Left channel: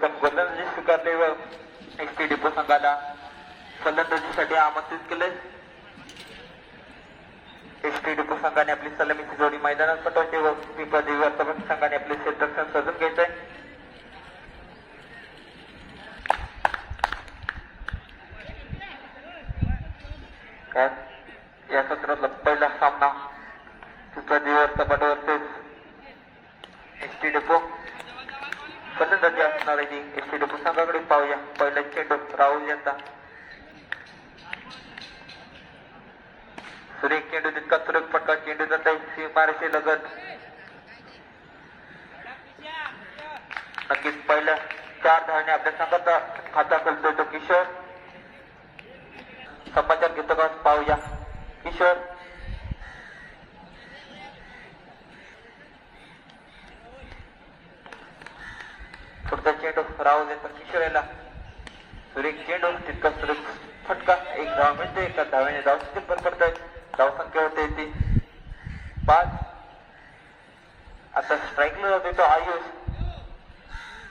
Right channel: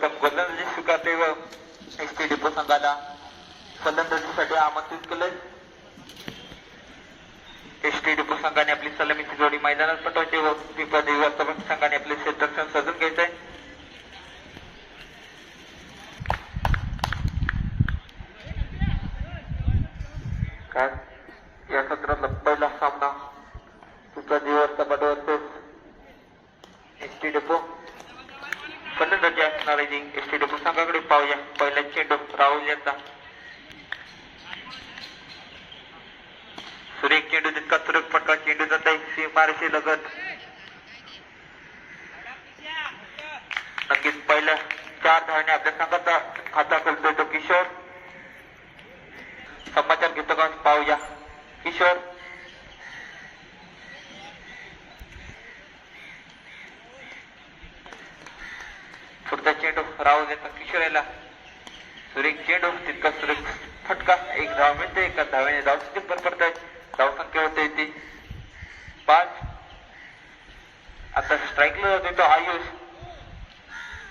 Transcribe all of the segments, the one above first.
सर्वोत्तम गोलंदाजी स्वीकारले व एस टी डिपो संघाला फलंदाजीसाठी आमंत्रित केले एस टी डिपो संघाने आपली सलामीची जोडी मैदानात पटवते व पिंपळा देवी वास्तविक संघाने आपले क्षेत्रक्षण सजून घ्यायचंय काय? या सत्रातला पहिला सामना Pimpla Devi Vastawad versus S T depot फलंदाजी असणार आहे एस टी डिपो संघाकडे पाहूया पहिला चेंडू राहुल यांचा. सुरेख चेंडू तितका सुरेख फटका चेंडू जाता आहे सीमारेषे लगत. नक्कीच पहिल्या चार धावणे आपल्या संघाचा खाता करतोय तो किशोर. समाचार घेतो का? पाहूया किशोर. पुढचा चेंडू राहुल येतो किशोर याला सुरेख चेंडू तितका सुरेख फटका एक धाव मिळते एका धाव्याने धाव टिप्पल करतायत धाव संख्या होते ती पाच। आता स्ट्राईकला तो आयुष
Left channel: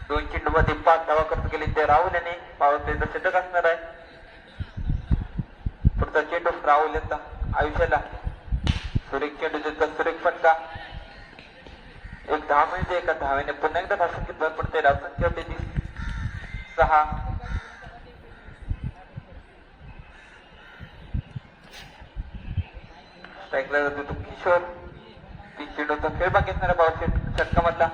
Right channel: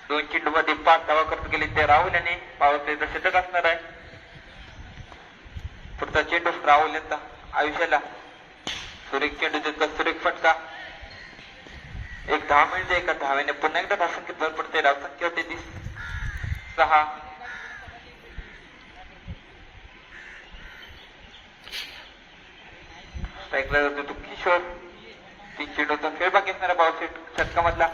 दोन चेंडू मध्ये पाच धावा करत गेले ते राहुल याने पावते शतक असणार आहे पुढचा चेंडू राहुल येता आयुष्याला सुरेख चेंडू तितका सुरेख फटका। एक दहा मिनिटे एका धाव्याने पुन्हा एकदा असंख्य भर पडते धावसंख्या होते ती सहा. स्ट्राईकला जातो तो किशोर. ती चेंडूचा खेळ बाकी असणारा षटका मधला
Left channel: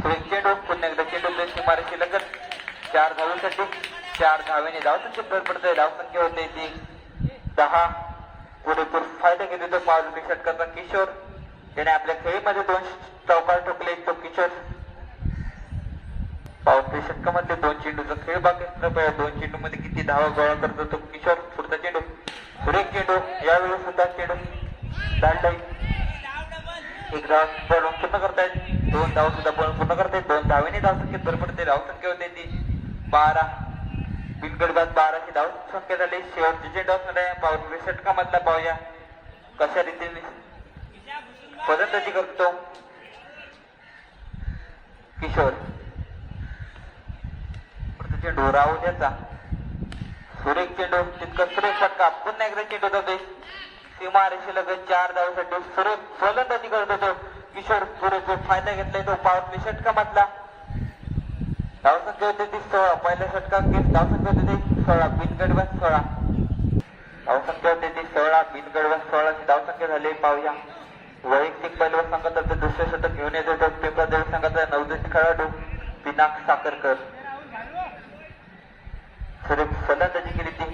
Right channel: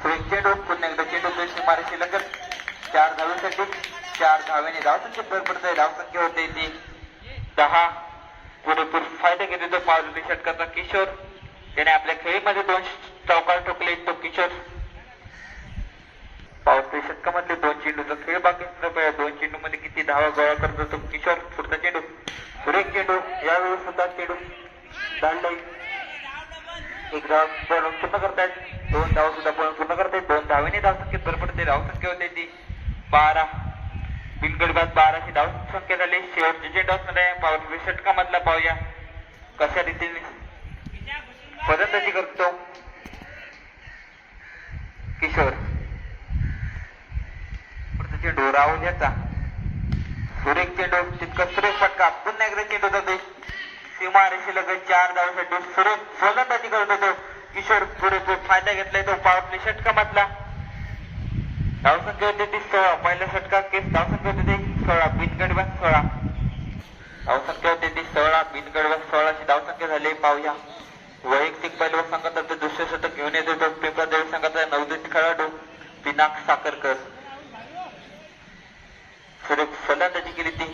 सुरेश चेंडू पुन्हा एकदा चेंडू देश मारेशी लगत. चार धावांसाठी चार धाव्याने धावसंख्येत भर पडते धावसंख्या होते ती दहा. पुरेपूर फायदा घेतो. तो पाच षटकाचा किशोर. त्याने आपल्या खेळीमध्ये दोन चौकार ठोकले तो किशोर. पावसाळी षटकामधले दोन चेंडूचा खेळ बाकी असणार दोन चेंडू मध्ये किती धावा गोळा करतो तो किशोर पुढचा चेंडू. सुरेख चेंडू, यावेळी सुद्धा चेंडू चाललाय एक धाव बॉल पूर्ण करतायत. दोन धाव सुद्धा बॉल पूर्ण करतायत. दोन धावेने धाव भर पडते धाव संख्या होते ती. बारा. बिनगडबाद बाराशे धाव संख्या झाली. शेवटचे चेंडू असणार आहे पावसाळी षटकामधला पाहूया. कशा रीतीने फलंदाजी करतो? किशोर. पुढचा चेंडू राहुल सुरेख चेंडू तितका सुरेख फटका पुन्हा एकदा चेंडू जाते सीमा रेषे लगत चार धावसाठी सुरेख फलंदाजी करत होतो? किशोर पुरेपूर फायदा घेतलाय तो पावतली षटका मधला धावसंख्या होती ती सोळा. पहिल्या षटकात केस धावसंख्या होती ती सोळा. बिनगडबाद सोळा. धावसंख्या होती ती सोळा. बिनगडबाद सोळाची धावसंख्या झाली पाहूया वैयक्तिक पैलवान संघाचा दुसरे शतक घेऊन येतो. तो पेपर देव संघाचा नवदीत खेळाडू पिनाक साखरकर. सुरेख फलंदाजी केली ती.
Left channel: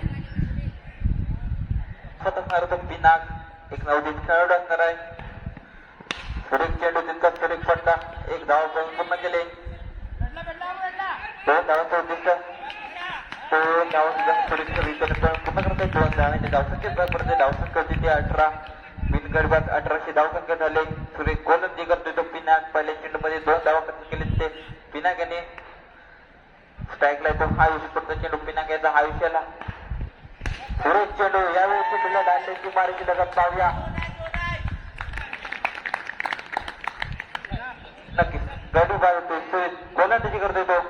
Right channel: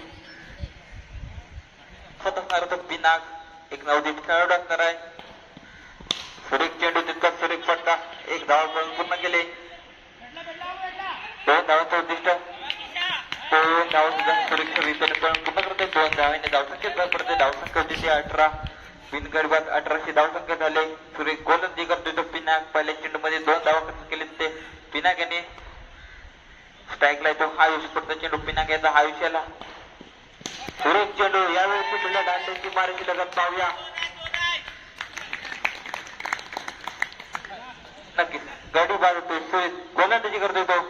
शतक मारतो पिनाक. एक नवदीत खेळाडू असणार आहे. सुरेख चेंडू तितका सुरेख पडता एक धाव पॉईंट पूर्ण केले. दोन धावांचं उद्दिष्ट. दोन धाव सुद्धा सुरेख रीतीने पूर्ण करते. दोन धावांनी धावसंख्या पडते धावसंख्या होती ती अठरा. बिनगडबाद अठराशे धावसंख्या झाले. सुरेख गोलंदी करतोय तो पिनाक पहिल्या चेंडू मध्ये दोन धावा कसं केले ते पिनाक याने स्ट्राईकला येतो. हा आयुष करतो चेंडू पिनाक याचा हा आयुष्याला सुरेश चेंडू यावेळी चेंडूला डांड्याची मारायची लगत पाहूया. नक्कीच. गाडी बाजतोय सुरेश गोलंदाजी करतोय तो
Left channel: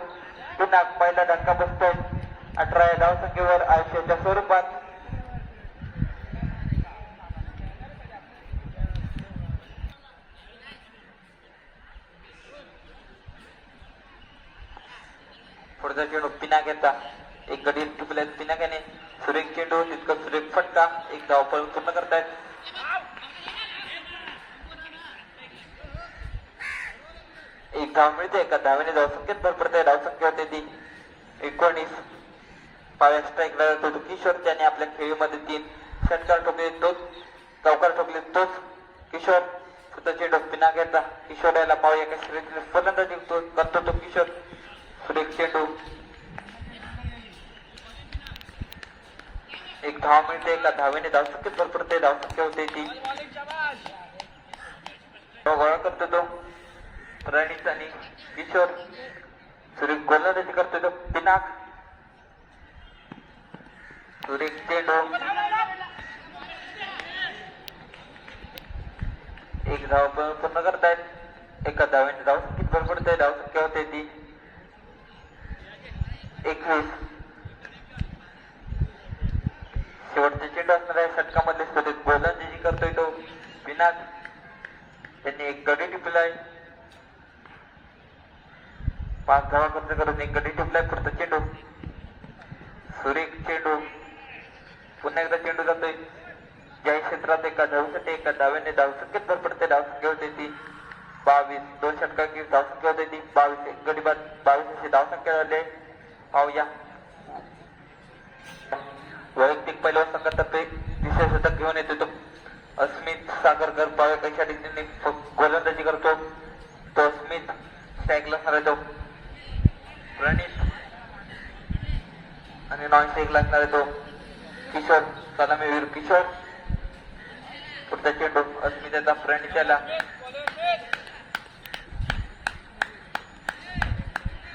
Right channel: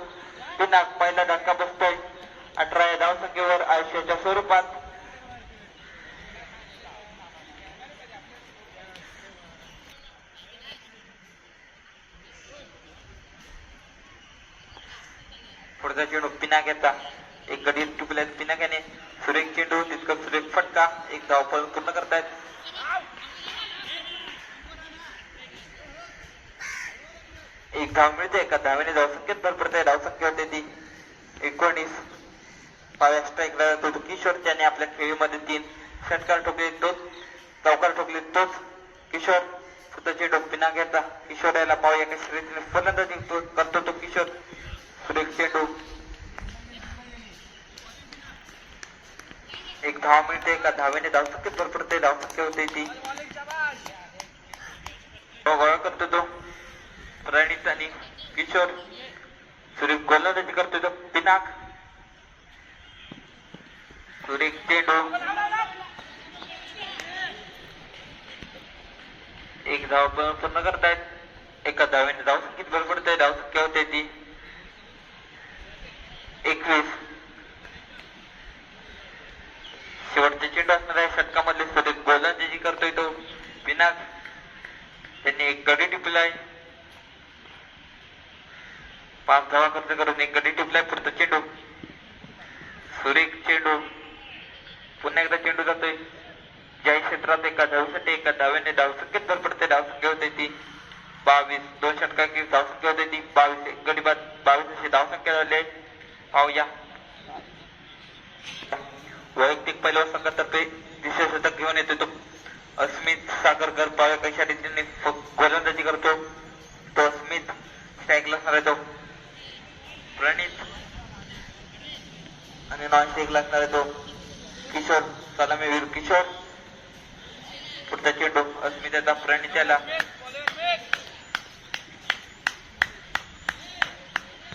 पिनाक पहिला धक्का बसतोय. अठरा या धावसंख्येवर आयुष्याच्या स्वरूपात पुढचा चेंडू पिनाक याचा एक गडी चुकल्यात पिनाक याने सुरेख चेंडू तितका सुरेख फटका, एक धाव पळून पूर्ण करतायत एक धाव मिळते एका धावेने धाव संख्येत भर पडते धाव संख्या होते ती एकोणीस पाव्या स्ट्राईकला जातो तो किशोर त्याने आपल्या खेळीमध्ये तीन षटकार ठोकले तोच चौकार ठोकले तोच किशोर. सुद्धा चेंडू पिनाक याचा किशोर याला पाहूया कशी फलंदाजी तो- करतो तो किशोर. सुरेख चेंडू एक धाव मिळते एका धावेने धावसंख्येत भर पडते धावसंख्या होते ती तो गोळा करतो तो प्रणित तो पिनाक चेंडू एक धाव पूर्ण करतायत एका धावेने धावसंख्येत भर पडते धावसंख्या होते ती एकवीस. शेवटचे चेंडू असणार आहे षटकामधले स्वतः गोलंदाजी करतोय तो पिनाक त्यांनी एक गडी टिपलाय. पाच धावा खर्च करून एक गडी टिपलाय पुढचा चेंडू. सुरेख चेंडू. पुन्हा एकदा चेंडू जातोय. ज्या क्षेत्रात एका धावसाठी एका धाव्याने धावसंख्येत भर पडते धावसंख्या होते ती बावीस. दोन षटकांची धावसंख्या होते ती बावीस. एक गडी बाद बावीस अशी धावसंख्या झाली आहे. पाहूया. वैयक्तिक पहिल्या संघातर्फे विशेष शतक घेऊन येतो तो अस्मित सागरकर पावे कशा रीतीने गोलंदाजी करतो. तो अस्मित स्टॅगला असणार तो प्रणित आणि नॉन स्टॅगला असणार तो किशोर सलामीवीर किशोर. पुढचा चेंडू अस्मिताचा प्रणित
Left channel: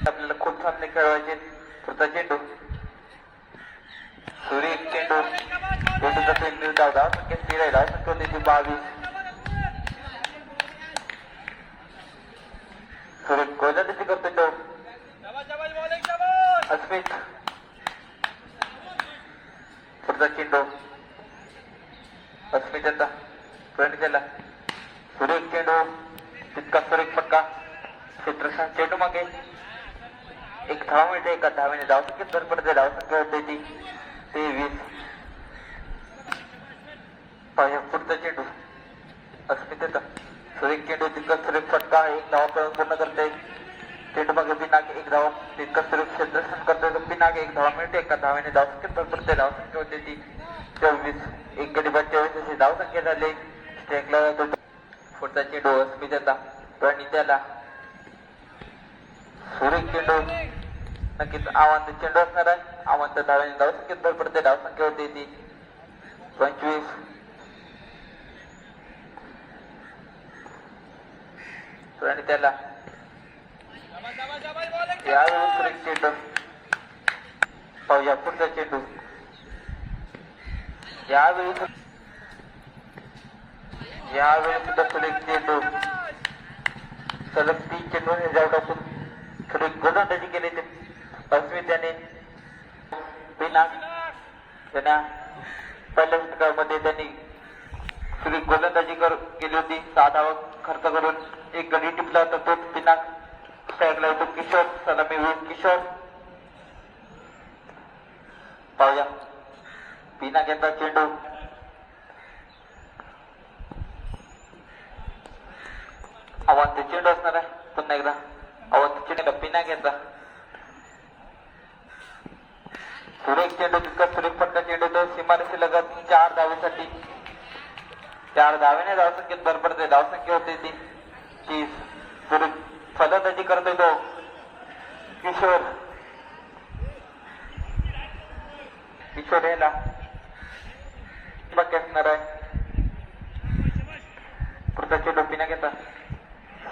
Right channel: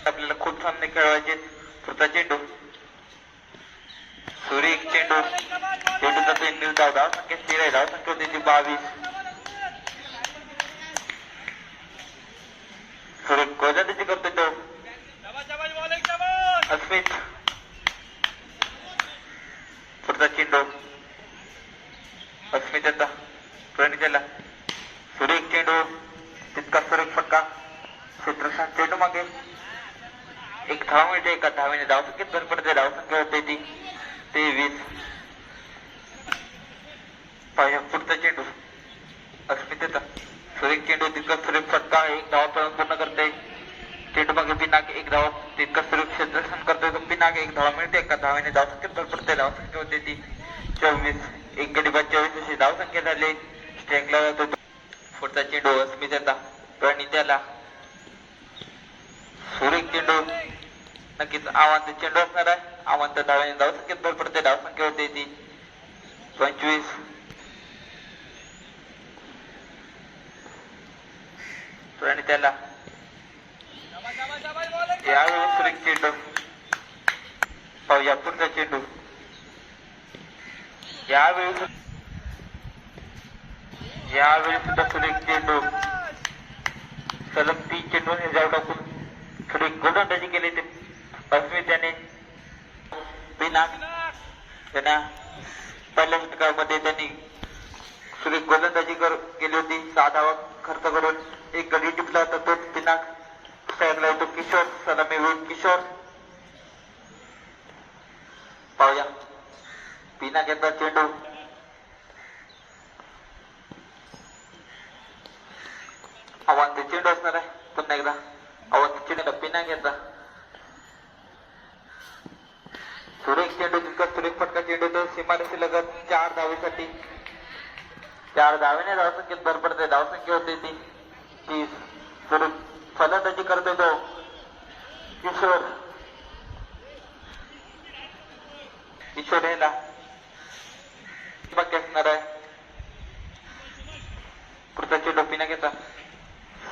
आपल्याला खूप सामने खेळवायचे चेंडू। सूर्य एक चेंडू। चेंडूचा तीन निर्धाव धाव संख्या स्थिर आहे धाव संख्या होती ती बावीस। सूर्य गोलंदाजी करतो तो अस्मित। पुढचा चेंडू। अस्मित आता प्रणिताला सूर्य एक चेंडू। तितका सूर्य फक्का क्षेत्रशांत चेंडू मागे। एक धाव मिळते एका धावेने धाव संख्येत भर पडते धाव संख्या होते ती तेवीस पाया पुढचा चेंडू अस्मितेचा सुरेख चेंडू तितका सुरेख फटका एक धावा प- पूर्ण करते। चेंडू मागे पिनाक एक धावा तितका सुरेख क्षेत्ररक्षण करतोय तर पिनाक एक धावा मिळते एका धावेने धाव संख्येत भर पडते धाव संख्या होते ती चोवीस एक गडी बाद चोवीस अशी धाव संख्या झाली स्ट्राईकला जातो तो. पुढचा चेंडू अस्मितेचा प्रणित्याला सुरेख चेंडू. नक्कीच आव्हान चेंडू असणार आहे. आव्हान डाव्याने धाव संख्येत भर पडते धाव संख्या होते ती? पंचवीस. आणि त्याला यावेळी सुरेख चेंडू. पाहूया पुढचा चेंडू. यावेळी यावेळी सुद्धा सुरेख चेंडू. सलग तीन चेंडू निर्धाव टाकून थोडी गोलंदाजी केली ते. अस्मित त्याने बिना त्यांना पहिल्या षटकामध्ये त्यांनी सुरेख गोलंदाजी कर केली होती. सहा धावा खर्च करून एक गडी टिपला तर तो. पिनाक स्ट्राईकला होतो. किशोर सलामी वीर किशोर. पाहूया. बिना यांचा चेंडू. आव्हान ते चेंडू असणार आहे. पुन्हा एकदा. अहो ते चेंडू नाही घेतला सुरेश चेंडू तितका सुरेख फटका चेंडू तर सीमारेषी लगत चार धावेसाठी चार धावेने धावसंख्येत भर पडते धावसंख्या होते ती. तीस सुरेख फलंदाजी करतो तो. किशोर. किशोर याला बाकी असणार आहे. पुढचा चेंडू पिना घेता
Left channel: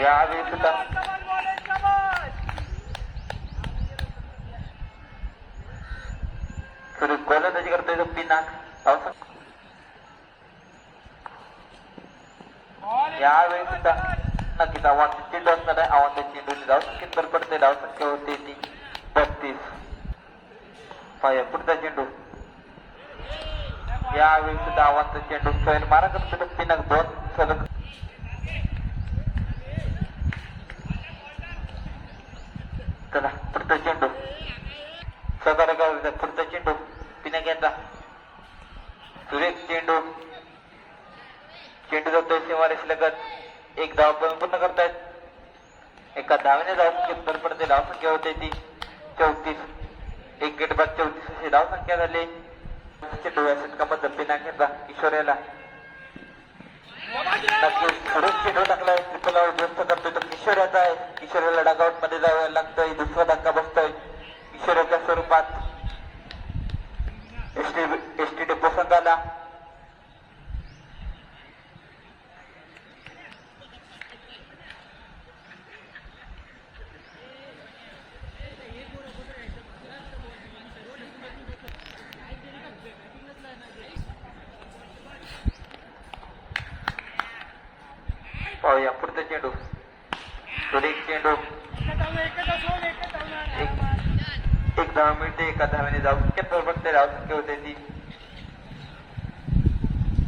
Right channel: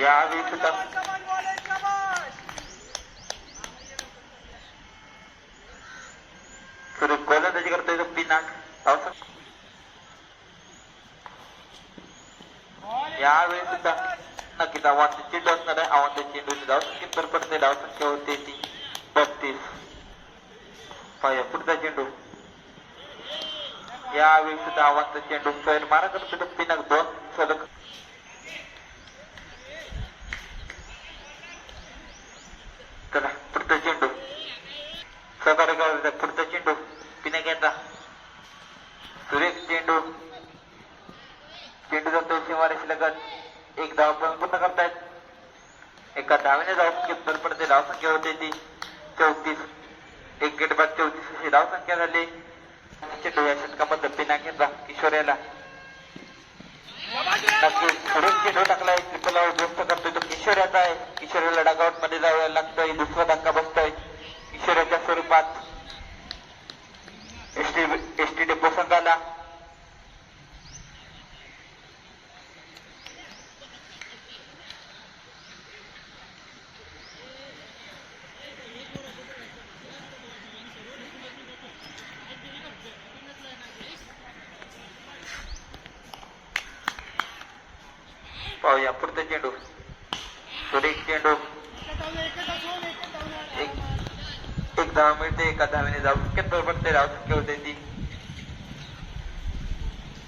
यावेळी सुद्धा सुरू गोलंदाजी करतोय तो यावेळी सुद्धा नक्कीच आव्हान चेंडू नाही आहे आव्हान धाव किंतर पडते धाव संख्या होते ती बत्तीस. पाया पुढचा चेंडू. यावेळी सुद्धा आव्हान चेंडू सैल मारा करतो पिनाक दोन. सलग. चला पुढचा चेंडू. सदार गावचा पुढचा चेंडू. पिण्या घेतला सुरेख चेंडू. चेंडू जातोय सीमारेष लगत. एक धाव पूर्ण करतायत. एका धावने धाव संख्या पडते. धाव संख्या होते ती चौतीस. एक गेट बाद चौतीस अशी धाव संख्या झाली. चेंडू या षटकामध्ये पिण्या घेतला किशोर याला. नक्कीच. पुढेच टाकलाय चित्रला व्यक्त करतोय तो किशोर आहे. किशोरला डागावत मध्ये जावं लागतंय दुसरा धक्का बसतोय. किशोर याच्या स्वरूपात एस टी डेपो संघाला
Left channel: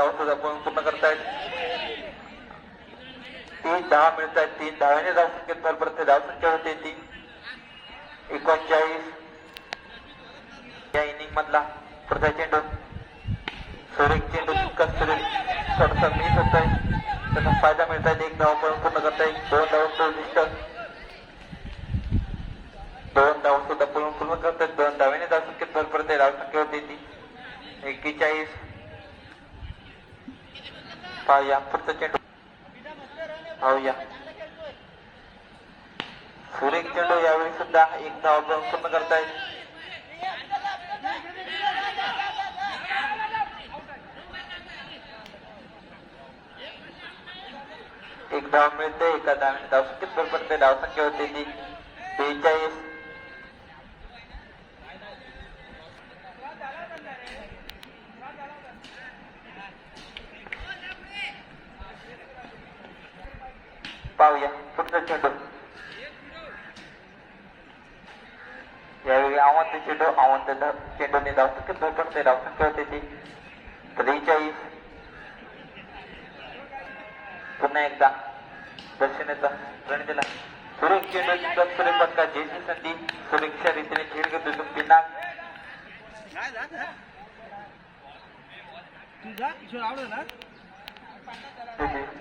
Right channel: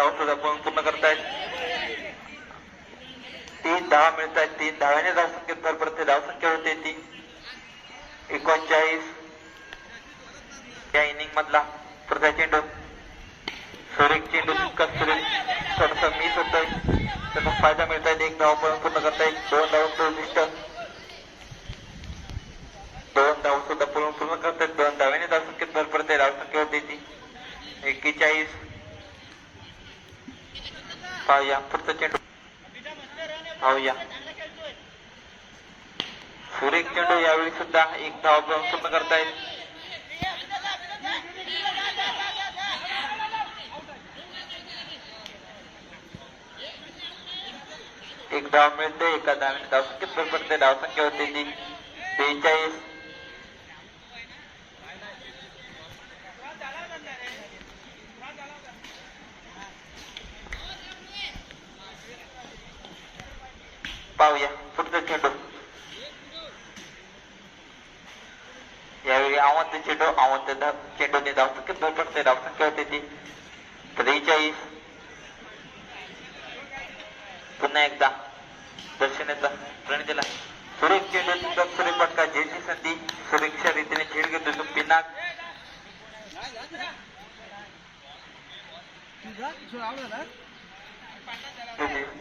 दोन धाव सुद्धा पळून पूर्ण करतायत? तीन दहा मिळत आहेत तीन दहाने धाव संख्येत भर पडते धाव संख्या होते ती. एकोणचाळीस. या इनिंग मधला प्रथा चेंडू. सोरेक चेंडू तितकाच सुरू थोडासा मिस होतोय त्याचा फायदा मिळत आहेत एक धाव पूर्ण करतायत. दोन धाव उद्दिष्ट दोन धाव सुद्धा पूर्ण पूर्ण करतात दोन धाव्याने धाव संख्येत भर पडते धाव संख्या होते ती. एक्केचाळीस पाहूया पुढचा चेंडू पाहूया सुरेख चेंडू यावेळी सुद्धा एक धाव घेऊन पूर्ण करतायत एक धाव मिळते एका धावाने धाव संख्येत भर पडते धाव संख्या होते ती बेचाळीस पाहूया पुढचा चेंडू यावेळी आव्हान ते चेंडू आव्हान ते धा- चेंडूने धाव संख्या भर पडते धाव संख्या होते ती त्रेचाळीस पुन्हा एकदा दर्शनाचा प्रणितीला सुरेख चेंडू तितका सुरेख फटका जयची संधी सुरेखच्या रीतीने झेल घेतो तो पिनाक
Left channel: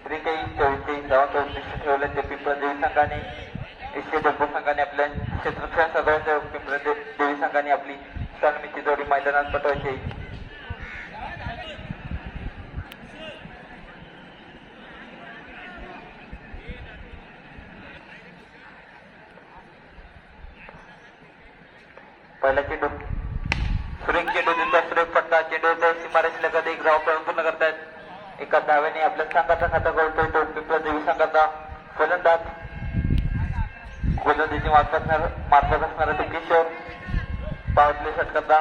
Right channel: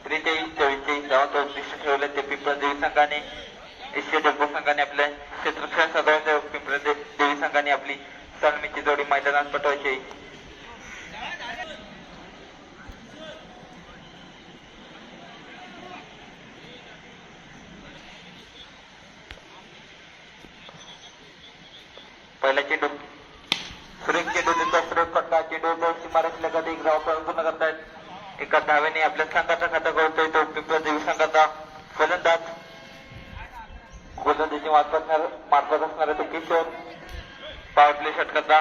त्रेचाळीस चव्वेचाळीस धावांचा उद्दिष्ट ठेवले ते पिंपळा देवी संघाने। एशिया डब्बो संघाने आपल्या क्षेत्रफळ साधारण पिंपळा दे- देवी संघाने आपली सन्मीची जोडी मैदानात पटवायची. पहिला चेंडू सुरेख चेंडू त्यांचा सुरेख फटका चेंडूचा सीमारेष कधी एक धाव पूर्ण करतायत. एका धावेने आपल्या संघाचा खाता करतोय तो पिंपळा देवी संघाचा फलंदाज गोलंदाजी मार्फत मार्फत असणारा तो किशोर पॉवर प्ले षटकाचा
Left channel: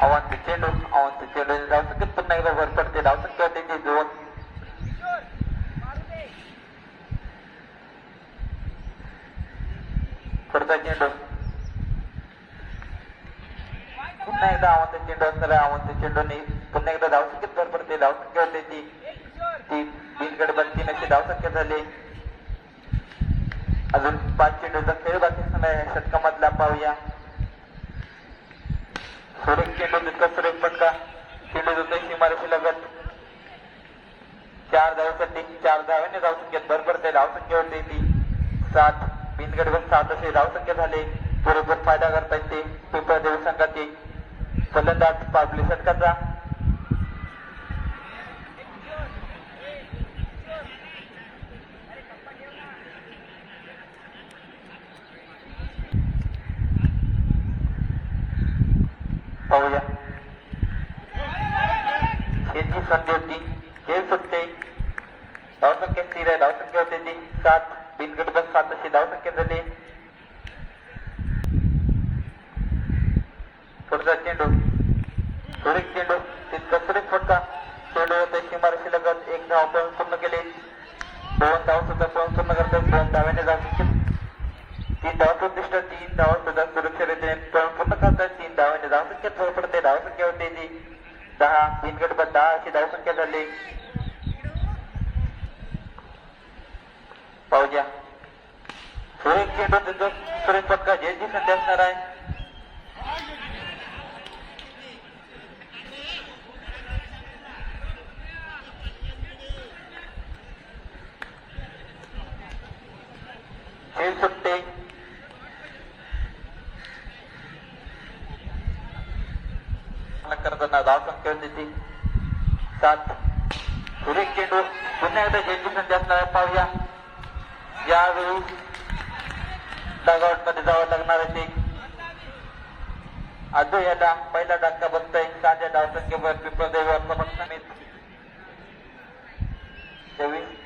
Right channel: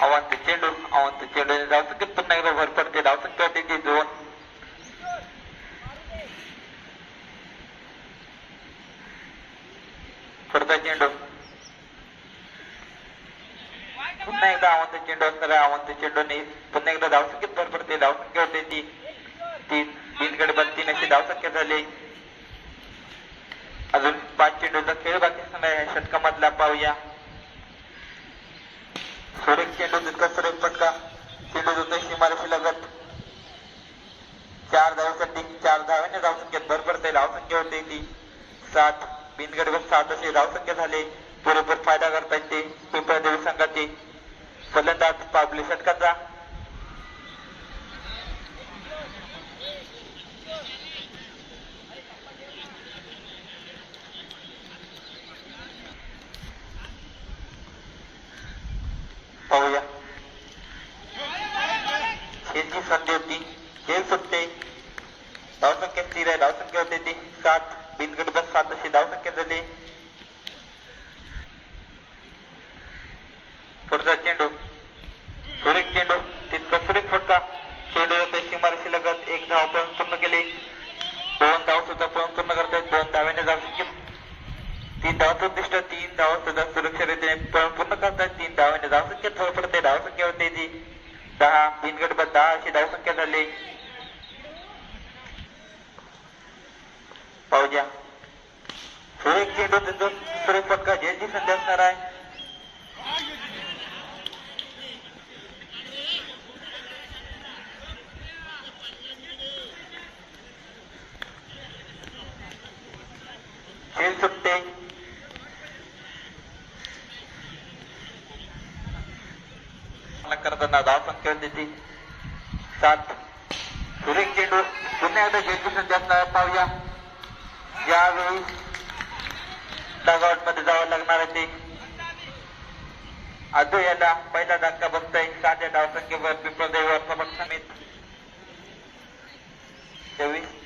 अवांत चेंडू अवांत चेंडू धाव संख्येत पुन्हा एकदा भर पडते धाव संख्या होते ती दोन पुढचा चेंडू। पुन्हा एकदा चेंडू असणारा अवांत चेंडूने पुन्हा एकदा धाव संख्येत भर पडते धाव संख्या होते ती तीन तीन कडे बाद तीन अशी धाव संख्या झाली असताना चार धावासाठी चार धाव्याने धाव संख्येत भर पडते धाव संख्या ती. सात बिनगड सात असे फ़ायदा करता येते पिंपळा देवी फलंदाज पावले षटकाचा पाहूया शेती संधी होती खेळ सुटते धावसंख्या स्थिर आहे धावसंख्या होते ती सात बिनगड बस सात अशी धावसंख्या झाली पुढचा चेंडू सुरेख चेंडू तितकं पुढे फटका चेंडू येतो सीमारेषी लगत एक धाव पण पूर्ण केले. दोन धाव सुद्धा पण पूर्ण करतात दोन धाव्याने धावसंख्या तीन धावाचं उद्दिष्ट तीन धाव सुद्धा सुरक्षितरीत्या पळून पूर्ण करतात. तीन धावाने धाव संख्या जवळ पडते धावसंख्या होते ती. दहा बिनगड बाद दहा अशी धाव संख्या झाली पाहूया एक चेंडू त्याचं सुरेश पक्का जयची संधी असणार आहे. खेळ सुटते करताना धाव संख्या देते. सात. सुरेख चेंडू पुन्हा एकदा जयची संधी पाहूया. यावेळी डगआउटमध्ये जावं लागणार आहे ते. अजून याला पहिला धक्का बघतोय. साध्या धावसंख्येवर पिंपळदेवी समोर समित चोवीस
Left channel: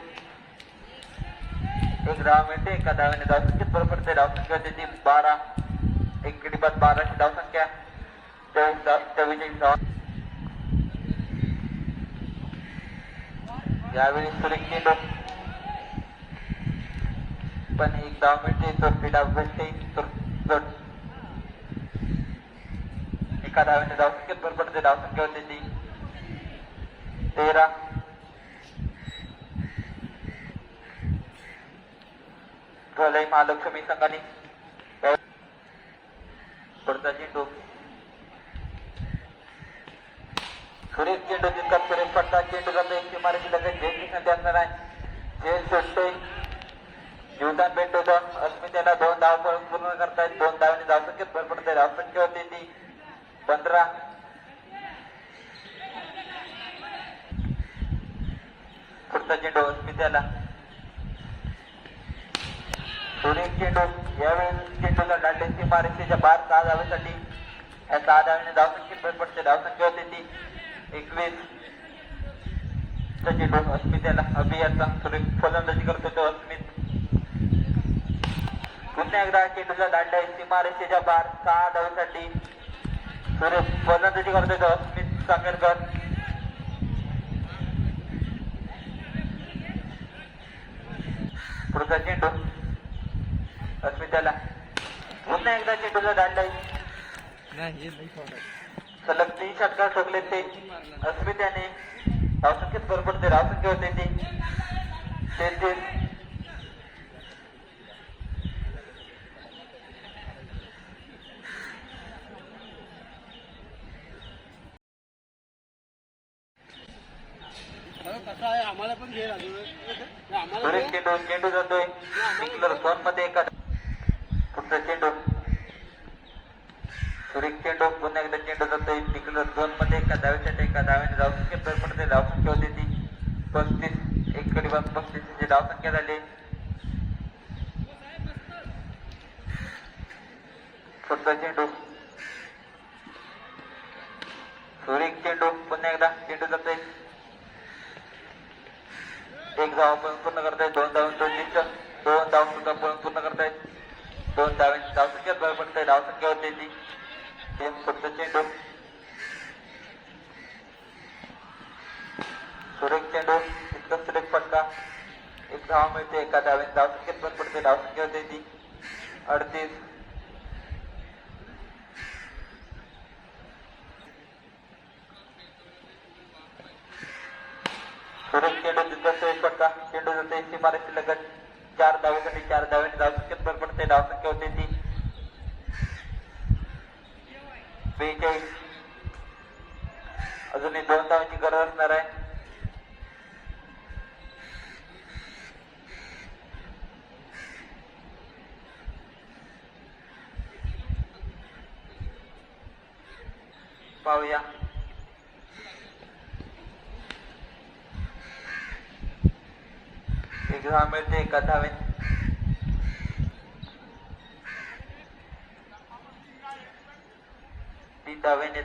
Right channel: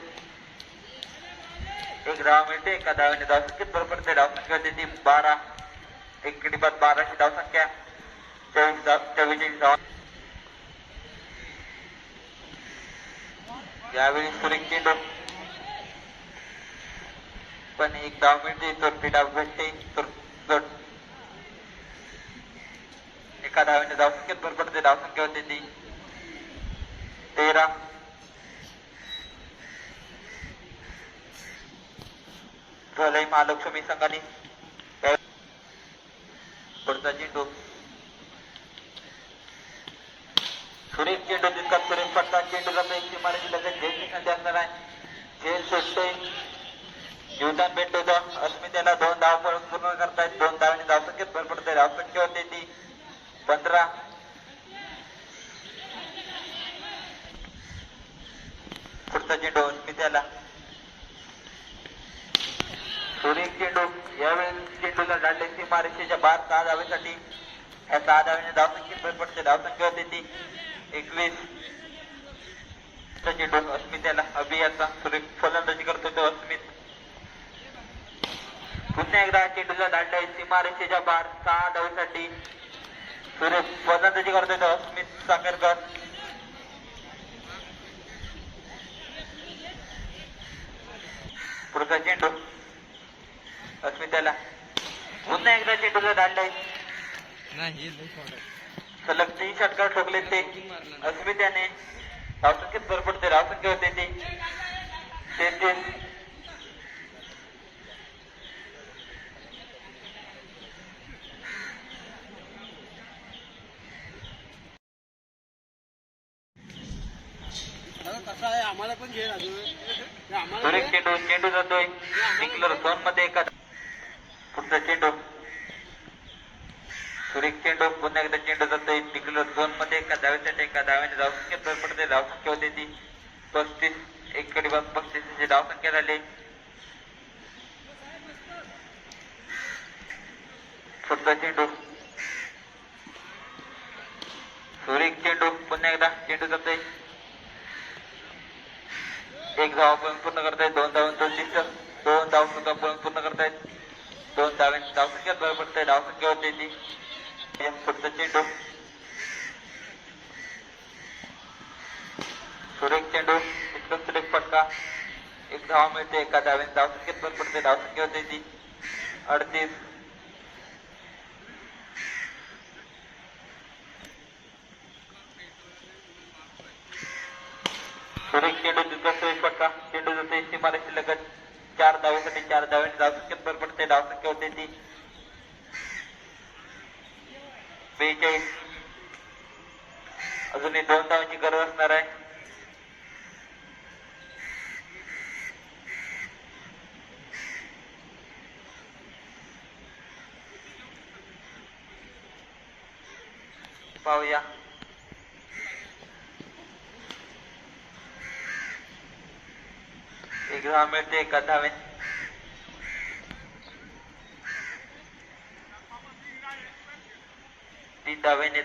एक धाव मिळते एका धावेने धावसंख्येत भर पडते धावसंख्या होती ती बारा एक बाद बाराशे धावसंख्या चोवीस धाव चव्वेचाळीस धाव यावेळी सुरेख चेंडू पण एक धाव मिळते तर ती डाव भेटते तर एका धावेने धावसंख्येत भर पडते धावसंख्या होती ती तेरा झालंय महालक्ष्मी संघाने या- पुढचा चेंडू सुरेख चेंडू तितका सुरेख पडतात चेंडू जातो एक इमारती लगेच झेल संधी असणार आहे. झेल सुटतोय. जीवदान भेटतो तर अस्मितेला दोन धाव पूर्ण करतायत. दोन धावांनी धावसंख्येत भर पडते धावसंख्या होते ती पंधरा. पुढचा चेंडू अस्मितेला. सुनील चेंडू यावेळी चेंडूला डाडले ती मारेच्या बार सहा धावेसाठी या सहा धावांनी म्हणजे धावसंख्येत भर पडते धावसंख्या होती ती एकवीस. चेंडू अस्मित याला अभियाचा सुरेख फलंदाजी करत होतो अस्मित. पुन्हा एकदा चेंडूला दांडा सीमारेषेच्या बार सहा धावेसाठी सुरेश फलंदाजी करत होतो अस्मित साखरकर. पुढचा चेंडू अस्मिताला. पुन्हा एकदा चेंडूला दांडा नाही सलग तीन षटकार ठोकले ते. अस्मित्याने धावसंख्येत भर पडते धावसंख्या होते ते. तेहतीस कसं आहे आम्हाला पण घे लागलं आम्हाला चेंडू चेंडू जातोय. निकलर झोनमध्ये एका एकदा चेंडू. सुरेख चेंडू पुन्हा एकदा चेंडू जातो. निकलर दोन मध्ये एका धावेसाठी एका धाव्याने धावसंख्या भर पडते धावसंख्या होते ती. पस्तीस एक कडे बाद पस्तीस धावसंख्या झाली चौदा चेंडू. सुरेख चेंडू पुन्हा एकदा चेंडू जातोय. एक धाव पूर्ण करतायत दोन धावून दोन तीन दोन धाव सुद्धा पूर्ण करतायत दोन धावांची धावसंख्या बरं पडते धावसंख्या होते ती पुढचा चेंडू सुरेख चेंडू इतकं सुरेख पडला एक धाव मिळते एका धावेने धावसंख्येत बरं पडते धावसंख्या होते ती अडतीस सुरेख चेंडू तितका सुरेख पडला चेंडू जाते सीमारेषे लगत चार धावेसाठी चार धावेने धावसंख्येत भर पडते धावसंख्या होते ती. बेचाळीस. अजूनही दोन धावांची गरज असणार आहे. पाहूया. एक धाव मिळते एका धावेने तीन धावेने